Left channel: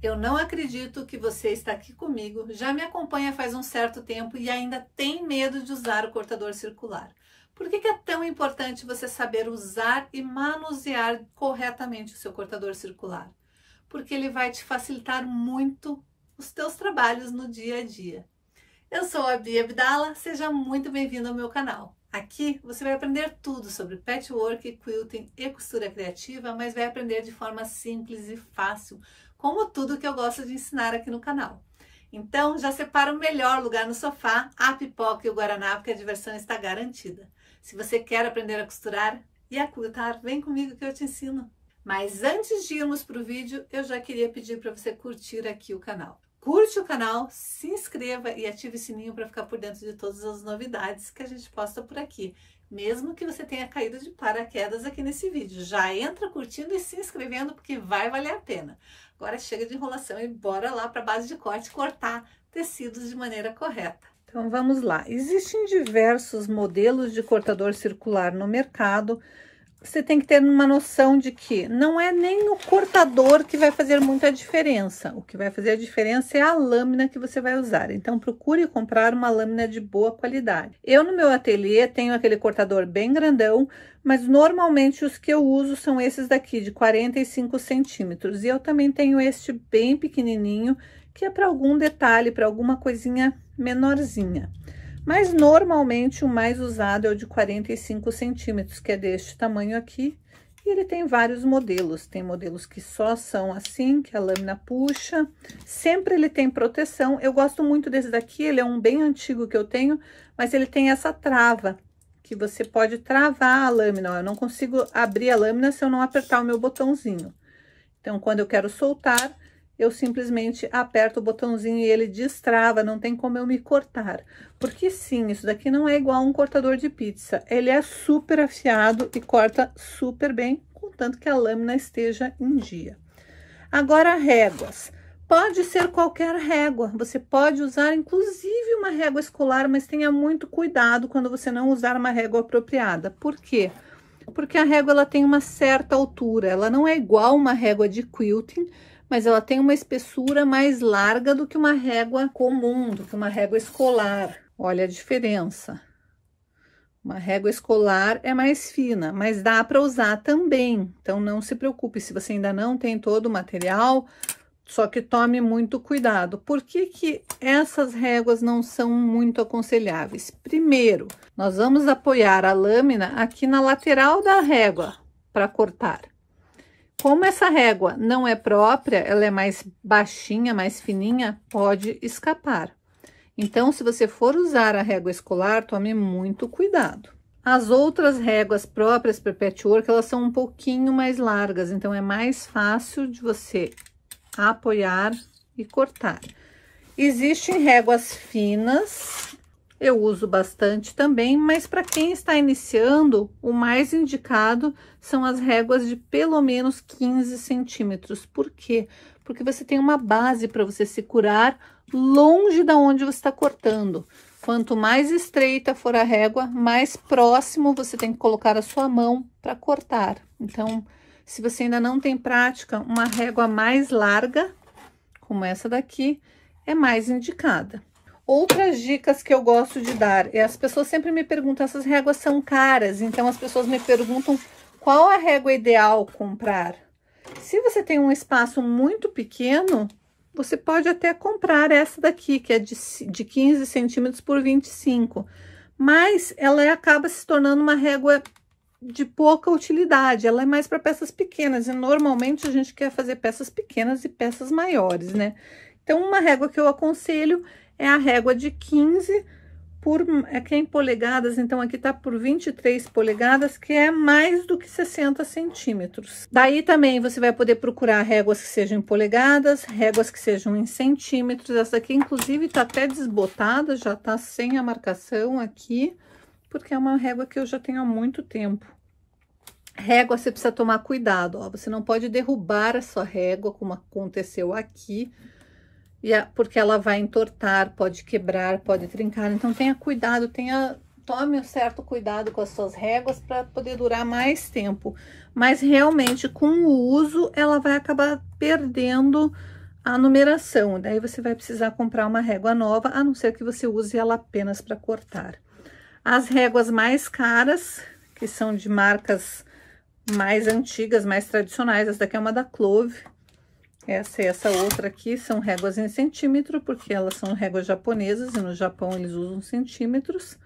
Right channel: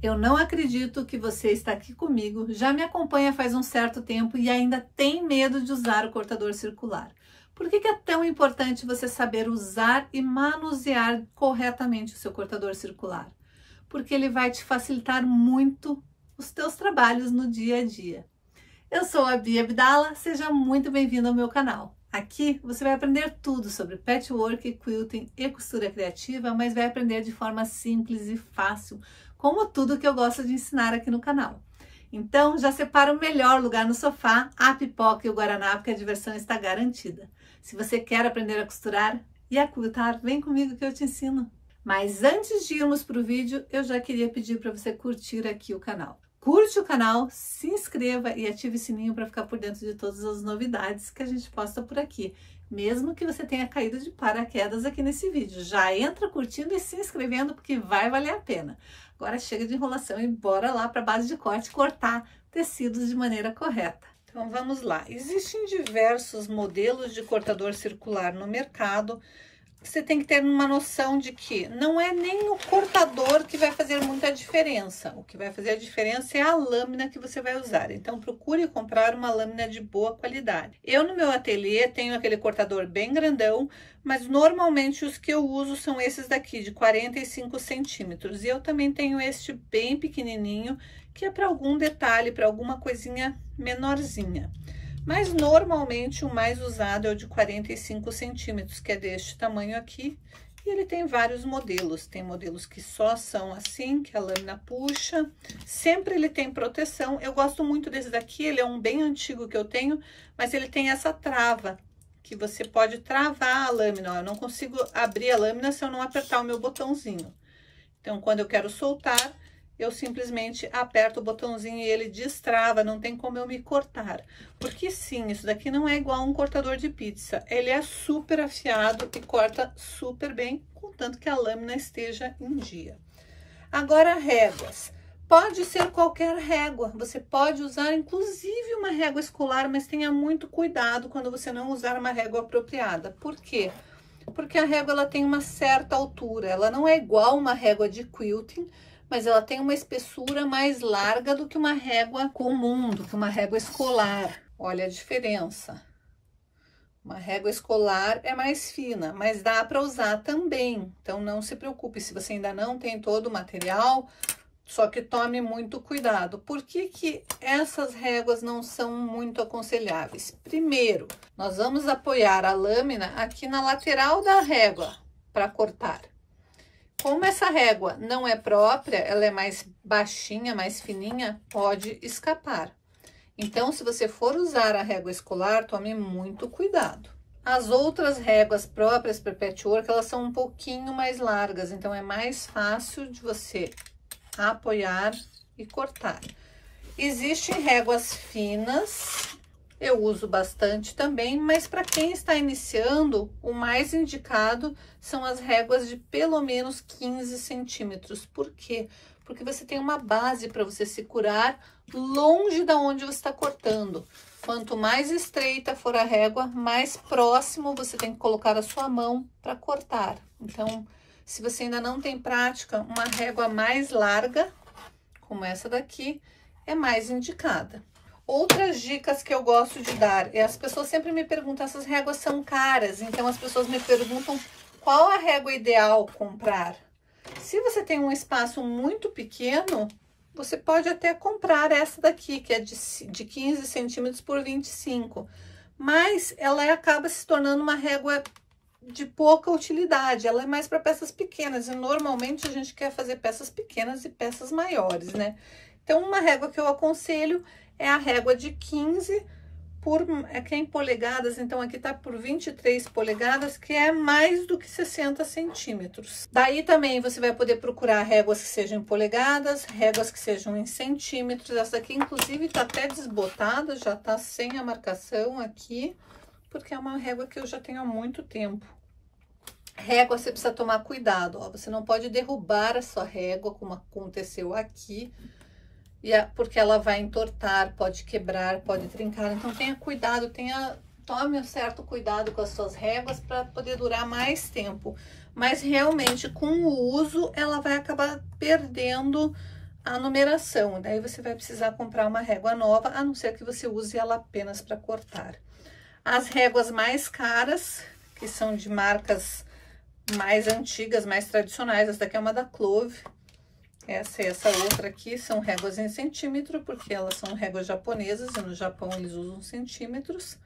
Eu não acredito que você está aqui comigo, já me acompanha faz um certo tempo e ainda tem medo de usar o cortador circular. Por que é tão importante você saber usar e manusear corretamente o seu cortador circular? Porque ele vai te facilitar muito os teus trabalhos no dia a dia. Eu sou a Bia Abdala, seja muito bem-vindo ao meu canal. Aqui você vai aprender tudo sobre patchwork, quilting e costura criativa, mas vai aprender de forma simples e fácil, como tudo que eu gosto de ensinar aqui no canal. Então já separa o melhor lugar no sofá, a pipoca e o guaraná, porque a diversão está garantida. Se você quer aprender a costurar e a quiltar, vem comigo que eu te ensino. Mas antes de irmos para o vídeo, eu já queria pedir para você curtir aqui o canal. Curte o canal, se inscreva e ative o sininho para ficar por dentro de todas as novidades que a gente posta por aqui. Mesmo que você tenha caído de paraquedas aqui nesse vídeo, já entra curtindo e se inscrevendo porque vai valer a pena. Agora chega de enrolação e bora lá para a base de corte cortar tecidos de maneira correta. Então vamos lá, existem diversos modelos de cortador circular no mercado. Você tem que ter uma noção de que não é nem o cortador que vai fazer muita diferença. O que vai fazer a diferença é a lâmina que você vai usar. Então, procure comprar uma lâmina de boa qualidade. Eu, no meu ateliê, tenho aquele cortador bem grandão, mas normalmente os que eu uso são esses daqui, de 45 centímetros. E eu também tenho este bem pequenininho, que é para algum detalhe, para alguma coisinha menorzinha. Mas normalmente o mais usado é o de 45 centímetros, que é deste tamanho aqui. E ele tem vários modelos. Tem modelos que só são assim, que a lâmina puxa. Sempre ele tem proteção. Eu gosto muito desse daqui, ele é um bem antigo que eu tenho, mas ele tem essa trava, que você pode travar a lâmina. Ó, eu não consigo abrir a lâmina se eu não apertar o meu botãozinho. Então, quando eu quero soltar, eu simplesmente aperto o botãozinho e ele destrava, não tem como eu me cortar. Porque sim, isso daqui não é igual a um cortador de pizza. Ele é super afiado e corta super bem, contanto que a lâmina esteja em dia. Agora, réguas. Pode ser qualquer régua. Você pode usar, inclusive, uma régua escolar, mas tenha muito cuidado quando você não usar uma régua apropriada. Por quê? Porque a régua ela tem uma certa altura. Ela não é igual uma régua de quilting, mas ela tem uma espessura mais larga do que uma régua comum, do que uma régua escolar. Olha a diferença. Uma régua escolar é mais fina, mas dá para usar também. Então, não se preocupe se você ainda não tem todo o material, só que tome muito cuidado. Por que que essas réguas não são muito aconselháveis? Primeiro, nós vamos apoiar a lâmina aqui na lateral da régua para cortar. Como essa régua não é própria, ela é mais baixinha, mais fininha, pode escapar. Então, se você for usar a régua escolar, tome muito cuidado. As outras réguas próprias para patchwork, elas são um pouquinho mais largas, então é mais fácil de você apoiar e cortar. Existem réguas finas, eu uso bastante também, mas para quem está iniciando, o mais indicado são as réguas de pelo menos 15 centímetros. Por quê? Porque você tem uma base para você se curar longe da onde você está cortando. Quanto mais estreita for a régua, mais próximo você tem que colocar a sua mão para cortar. Então, se você ainda não tem prática, uma régua mais larga, como essa daqui, é mais indicada. Outras dicas que eu gosto de dar, as pessoas sempre me perguntam, essas réguas são caras, então as pessoas me perguntam qual a régua ideal comprar. Se você tem um espaço muito pequeno, você pode até comprar essa daqui, que é de 15 centímetros por 25, mas ela acaba se tornando uma régua de pouca utilidade, ela é mais para peças pequenas, e normalmente a gente quer fazer peças pequenas e peças maiores, né? Então, uma régua que eu aconselho é a régua de 15 por, aqui é em polegadas, então aqui tá por 23 polegadas, que é mais do que 60 centímetros. Daí também você vai poder procurar réguas que sejam em polegadas, réguas que sejam em centímetros. Essa aqui, inclusive, tá até desbotada, já tá sem a marcação aqui, porque é uma régua que eu já tenho há muito tempo. Régua, você precisa tomar cuidado, ó, você não pode derrubar a sua régua, como aconteceu aqui, porque ela vai entortar, pode quebrar, pode trincar. Então, tenha cuidado, tome um certo cuidado com as suas réguas para poder durar mais tempo. Mas, realmente, com o uso, ela vai acabar perdendo a numeração. Daí você vai precisar comprar uma régua nova, a não ser que você use ela apenas para cortar. As réguas mais caras, que são de marcas mais antigas, mais tradicionais, essa daqui é uma da Clove. Essa e essa outra aqui são réguas em centímetro, porque elas são réguas japonesas e no Japão eles usam centímetros.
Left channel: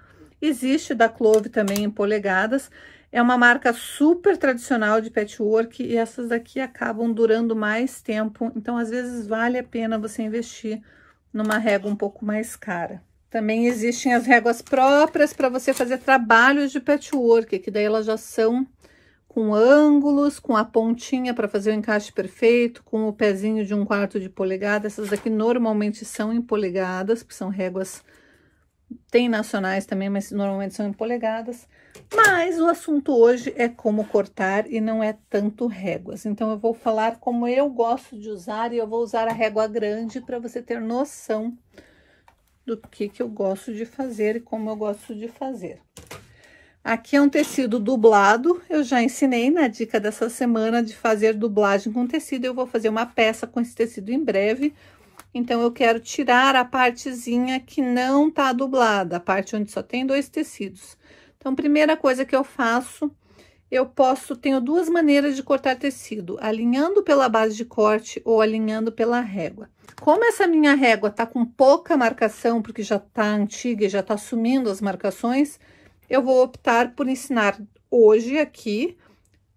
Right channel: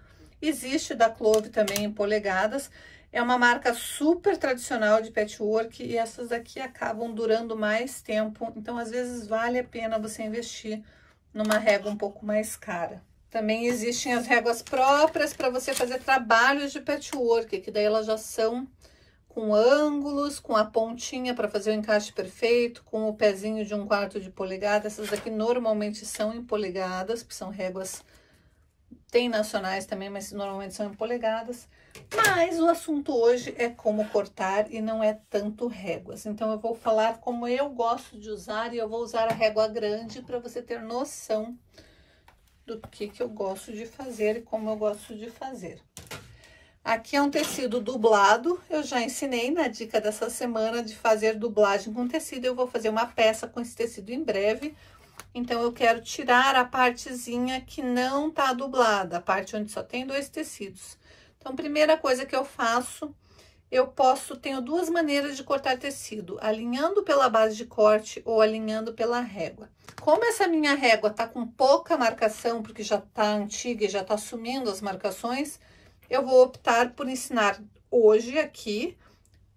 Existe da Clove também em polegadas. É uma marca super tradicional de patchwork e essas daqui acabam durando mais tempo. Então, às vezes, vale a pena você investir numa régua um pouco mais cara. Também existem as réguas próprias para você fazer trabalhos de patchwork, que daí elas já são com ângulos, com a pontinha para fazer o encaixe perfeito, com o pezinho de 1/4 de polegada. Essas daqui normalmente são em polegadas, porque são réguas, tem nacionais também, mas normalmente são em polegadas. Mas o assunto hoje é como cortar e não é tanto réguas. Então, eu vou falar como eu gosto de usar e eu vou usar a régua grande para você ter noção do que eu gosto de fazer e como eu gosto de fazer. Aqui é um tecido dublado, eu já ensinei na dica dessa semana de fazer dublagem com tecido. Eu vou fazer uma peça com esse tecido em breve, então eu quero tirar a partezinha que não tá dublada, a parte onde só tem 2 tecidos. Então, primeira coisa que eu faço, tenho 2 maneiras de cortar tecido, alinhando pela base de corte ou alinhando pela régua. Como essa minha régua tá com pouca marcação, porque já tá antiga e já tá sumindo as marcações, eu vou optar por ensinar hoje aqui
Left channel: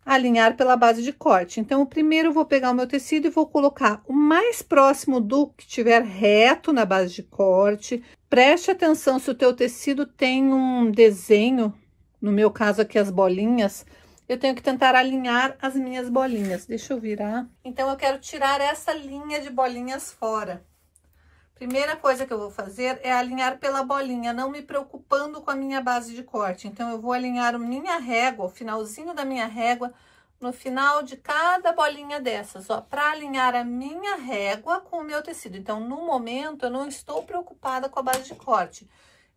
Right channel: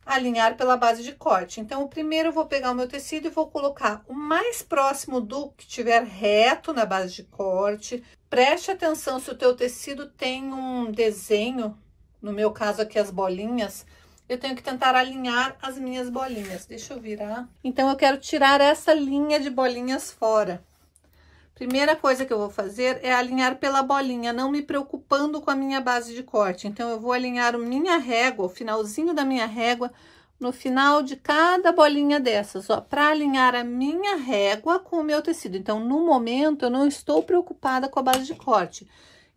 a alinhar pela base de corte. Então, primeiro eu vou pegar o meu tecido e vou colocar o mais próximo do que tiver reto na base de corte. Preste atenção se o teu tecido tem um desenho, no meu caso aqui as bolinhas, eu tenho que tentar alinhar as minhas bolinhas. Deixa eu virar. Então, eu quero tirar essa linha de bolinhas fora. Primeira coisa que eu vou fazer é alinhar pela bolinha, não me preocupando com a minha base de corte. Então, eu vou alinhar a minha régua, o finalzinho da minha régua, no final de cada bolinha dessas, ó, para alinhar a minha régua com o meu tecido. Então, no momento, eu não estou preocupada com a base de corte,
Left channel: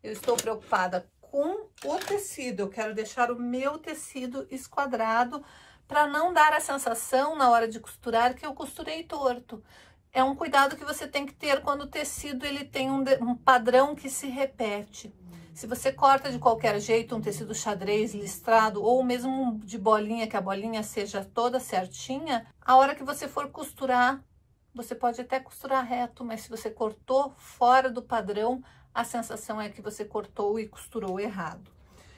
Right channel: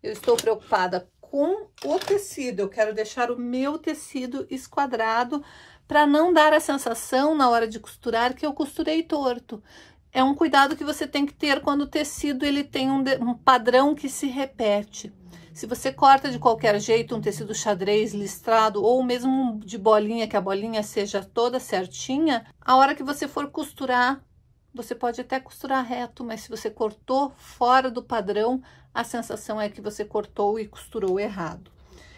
eu estou preocupada com o tecido. Eu quero deixar o meu tecido esquadrado para não dar a sensação na hora de costurar que eu costurei torto. É um cuidado que você tem que ter quando o tecido ele tem um padrão que se repete. Se você corta de qualquer jeito um tecido xadrez listrado ou mesmo de bolinha, que a bolinha seja toda certinha, a hora que você for costurar, você pode até costurar reto, mas se você cortou fora do padrão, a sensação é que você cortou e costurou errado.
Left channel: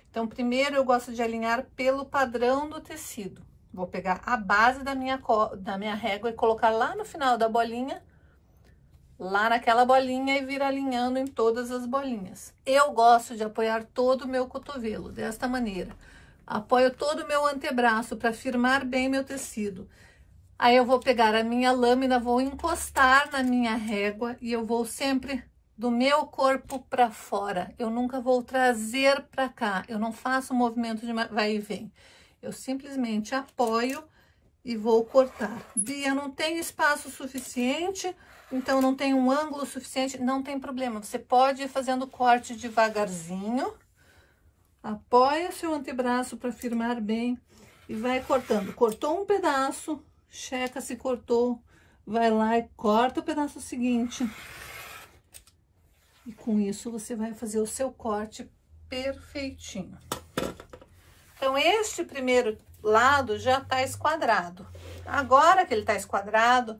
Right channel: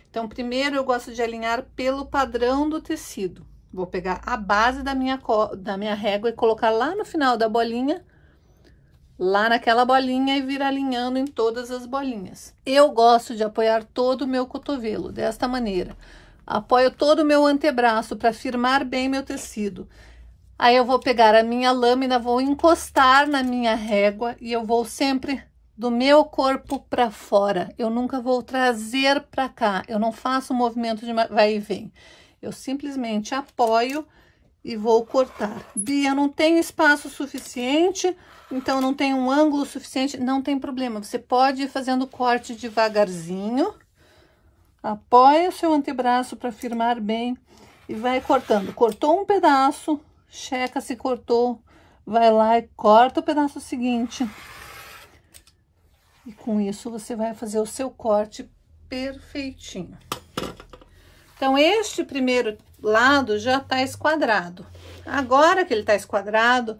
Então, primeiro eu gosto de alinhar pelo padrão do tecido. Vou pegar a base da minha régua e colocar lá no final da bolinha, lá naquela bolinha e vir alinhando em todas as bolinhas. Eu gosto de apoiar todo o meu cotovelo desta maneira. Apoio todo o meu antebraço para firmar bem meu tecido. Aí eu vou pegar a minha lâmina, vou encostar na minha régua e eu vou sempre do meu corpo para fora. Eu nunca vou trazer para cá, eu não faço um movimento de vai e vem. Eu simplesmente apoio e vou cortar. Bia, não tem espaço suficiente, então não tem um ângulo suficiente, não tem problema. Você pode ir fazendo corte devagarzinho, apoia seu antebraço para firmar bem e vai cortando. Cortou um pedaço, checa se cortou, vai lá e corta o pedaço seguinte. E com isso você vai fazer o seu corte perfeitinho. Então, este primeiro lado já tá esquadrado. Agora que ele tá esquadrado,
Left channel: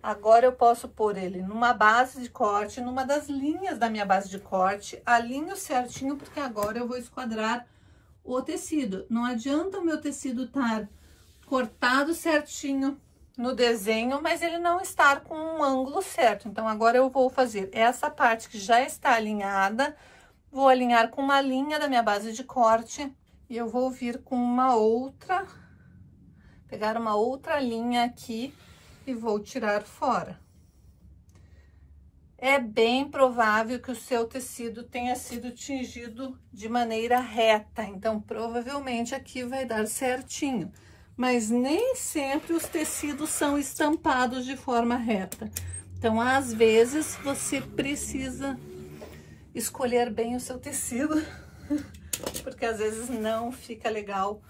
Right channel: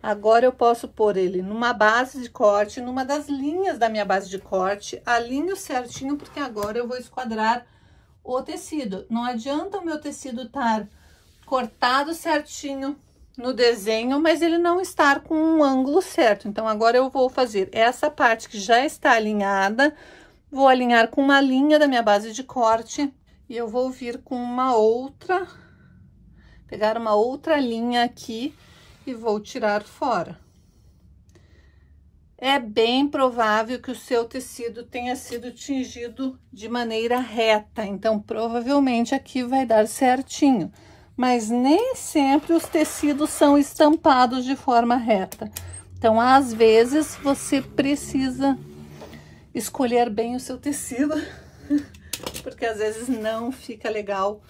agora eu posso pôr ele numa base de corte, numa das linhas da minha base de corte, alinho certinho, porque agora eu vou esquadrar o tecido. Não adianta o meu tecido estar cortado certinho no desenho, mas ele não estar com um ângulo certo. Então, agora eu vou fazer essa parte que já está alinhada, vou alinhar com uma linha da minha base de corte. E eu vou vir com uma outra, pegar uma outra linha aqui e vou tirar fora. É bem provável que o seu tecido tenha sido tingido de maneira reta, então provavelmente aqui vai dar certinho. Mas nem sempre os tecidos são estampados de forma reta. Então, às vezes, você precisa escolher bem o seu tecido. Porque às vezes não fica legal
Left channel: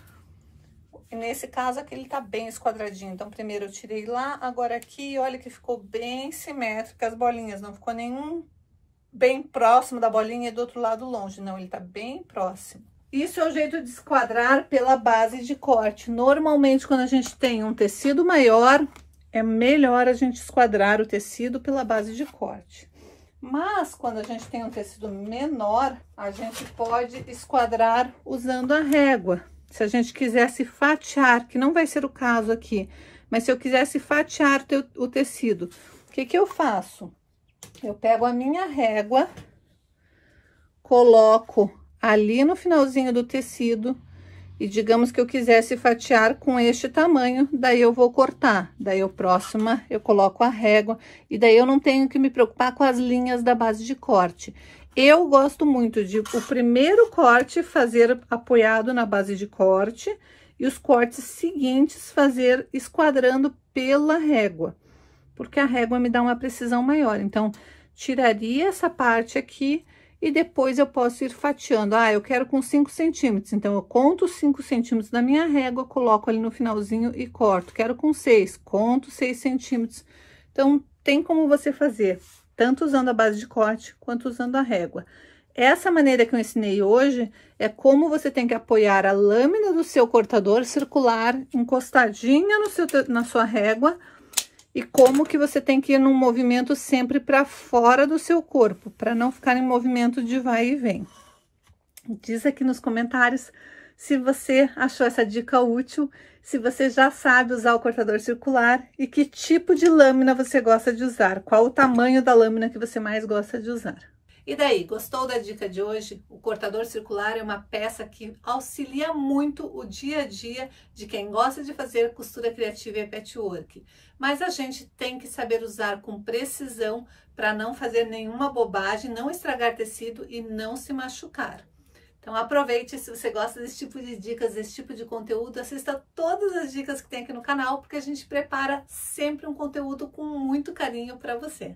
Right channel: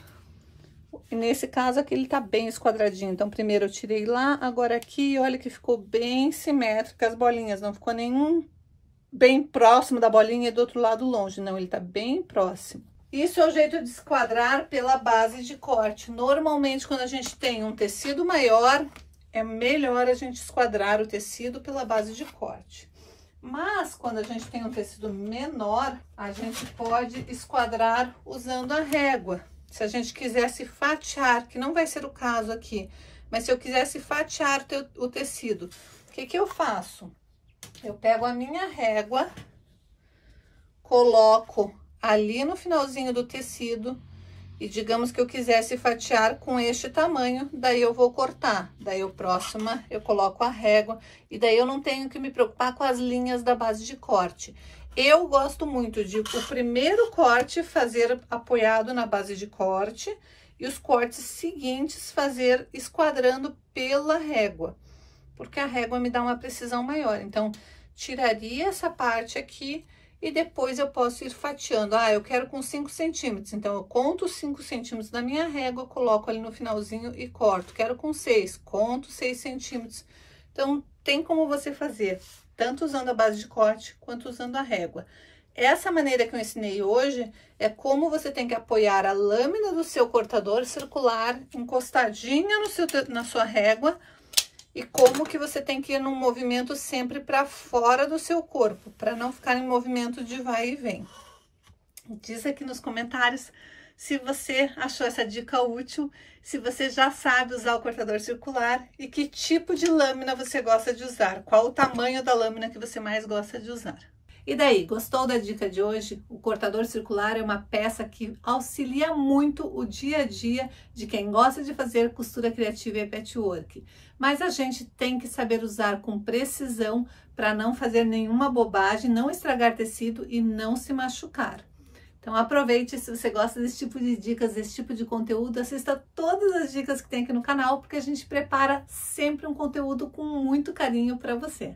E nesse caso aqui ele tá bem esquadradinho. Então, primeiro eu tirei lá, agora aqui, olha que ficou bem simétrico as bolinhas. Não ficou nenhum bem próximo da bolinha e do outro lado longe. Não, ele tá bem próximo. Isso é o jeito de esquadrar pela base de corte. Normalmente, quando a gente tem um tecido maior, é melhor a gente esquadrar o tecido pela base de corte. Mas, quando a gente tem um tecido menor, a gente pode esquadrar usando a régua. Se a gente quisesse fatiar, que não vai ser o caso aqui, mas se eu quisesse fatiar o tecido, o que que eu faço? Eu pego a minha régua, coloco ali no finalzinho do tecido e digamos que eu quisesse fatiar com este tamanho, daí eu vou cortar. Daí eu próxima eu coloco a régua e daí eu não tenho que me preocupar com as linhas da base de corte. Eu gosto muito de o primeiro corte fazer apoiado na base de corte e os cortes seguintes fazer esquadrando pela régua, porque a régua me dá uma precisão maior. Então, tiraria essa parte aqui e depois eu posso ir fatiando. Ah, eu quero com 5 centímetros, então eu conto os 5 centímetros da minha régua, coloco ali no finalzinho e corto. Quero com 6, conto 6 centímetros. Então, tem como você fazer, tanto usando a base de corte, quanto usando a régua. Essa maneira que eu ensinei hoje é como você tem que apoiar a lâmina do seu cortador circular encostadinha na sua régua, e como que você tem que ir num movimento sempre para fora do seu corpo, para não ficar em movimento de vai e vem. Diz aqui nos comentários se você achou essa dica útil, se você já sabe usar o cortador circular e que tipo de lâmina você gosta de usar, qual o tamanho da lâmina que você mais gosta de usar. E daí, gostou da dica de hoje? O cortador circular é uma peça que auxilia muito o dia a dia de quem gosta de fazer costura criativa e patchwork. Mas a gente tem que saber usar com precisão para não fazer nenhuma bobagem, não estragar tecido e não se machucar. Então aproveite, se você gosta desse tipo de dicas, desse tipo de conteúdo, assista todas as dicas que tem aqui no canal, porque a gente prepara sempre um conteúdo com muito carinho para você.